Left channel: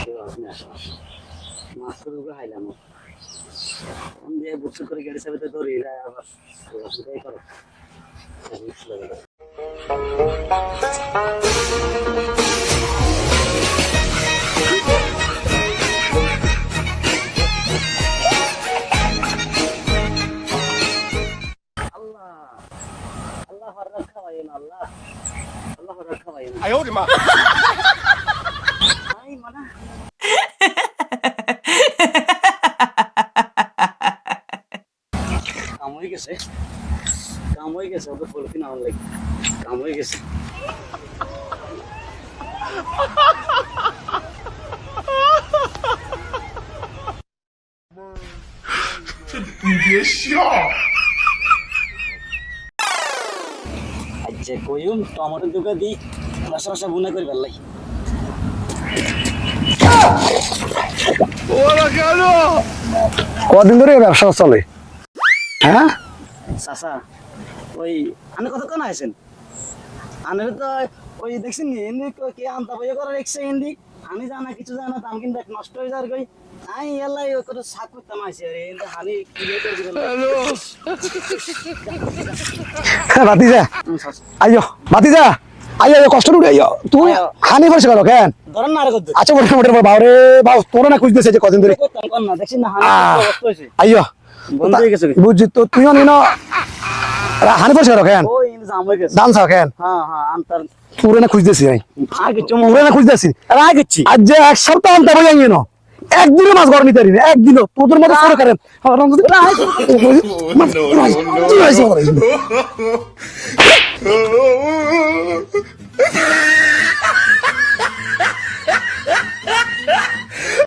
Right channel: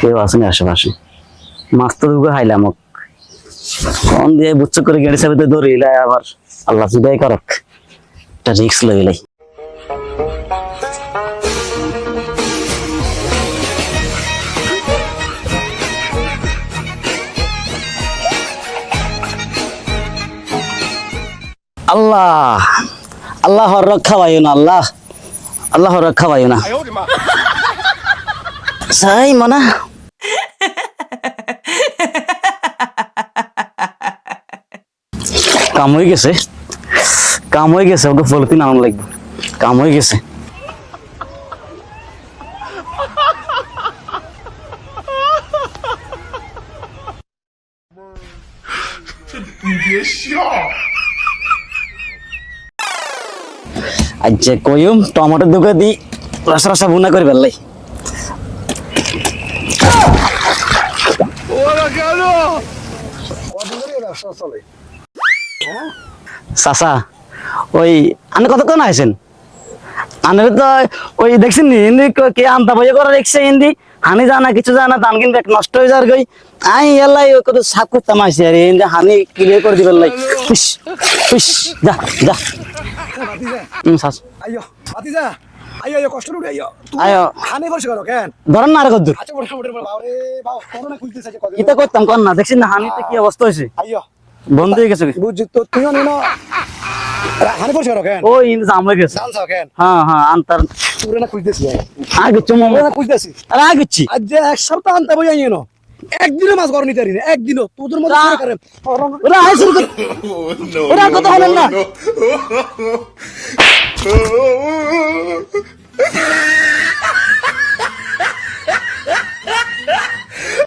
কেউ আসেনি আশেপাশে। মাছ তো দুটো খাইলাম ওক। ফোন দিয়ে বুচ্চ করে গেড়ে চাবিতে দৌড়ে এলাই আবার আল্লাহ জুদাই করক। একটা রিক্স লইলাই আল্লাহ আল্লাহ রক্ষা পাইও না আল্লাহ। আল্লাহ রক্ষা পাইও না। সাই মনা। কাম হয়ে গেছে। কাম হয়ে গেছে ওকে পলিথিন আনার লাগবে। কাম হয়ে গেছে। যে কইম টমেটো দোকা দি রসা রসা বুনা করে ফেললাই। কদিন ধরে ব্যবসা চলে? হ্যাঁ? চাচা ওই আনে কতক্ষণ আছেন আনের তো ওই দেখছেন নি হিন্দি কে আনতা বইয়ে করে দেখছে হিন্দি। হানি জানা কিছু জানা ধান কিন্তু নষ্ট হয়ে যার গই আই এলাই ওই কত সাক করতাম আইসি আর হিন্দি হানি ক্লিয়ার করে দিবার লাই হুস হুস যা যা। বাতি যা শাস। আইয়ো বাতি যা আইয়ো আইয়ো কষ্ট উঠে আইয়ো। তুই হানি পরিষ্কার করো কেন? ধরেন না আর কদ্দুর। আচ্ছা বলে মোটে বাবরে বাউ তোর না খুঁজতেছে যে কদিন ধরে করতাম কর না দেখছেন না হানি। অবস্থা হয়েছে। আইয়ো। বন্ধ হয়ে গেছে বুঝছি তো তুইও নিন। করো কেন? ওই জাম হয়ে গেছে। দাম চাও হ্যাঁ হ্যাঁ আনতার। তোরে না খুঁজতেছি আমি। আর কিছু তোর না খুঁজতেছি। আর কিছু। আজ যে এক সপ্তাহ আনতে আইয়ে একদিনও মাছ গরমি করি না একদিনও। তোদের মতো আর করেন। হাই শুরু করতে হবে।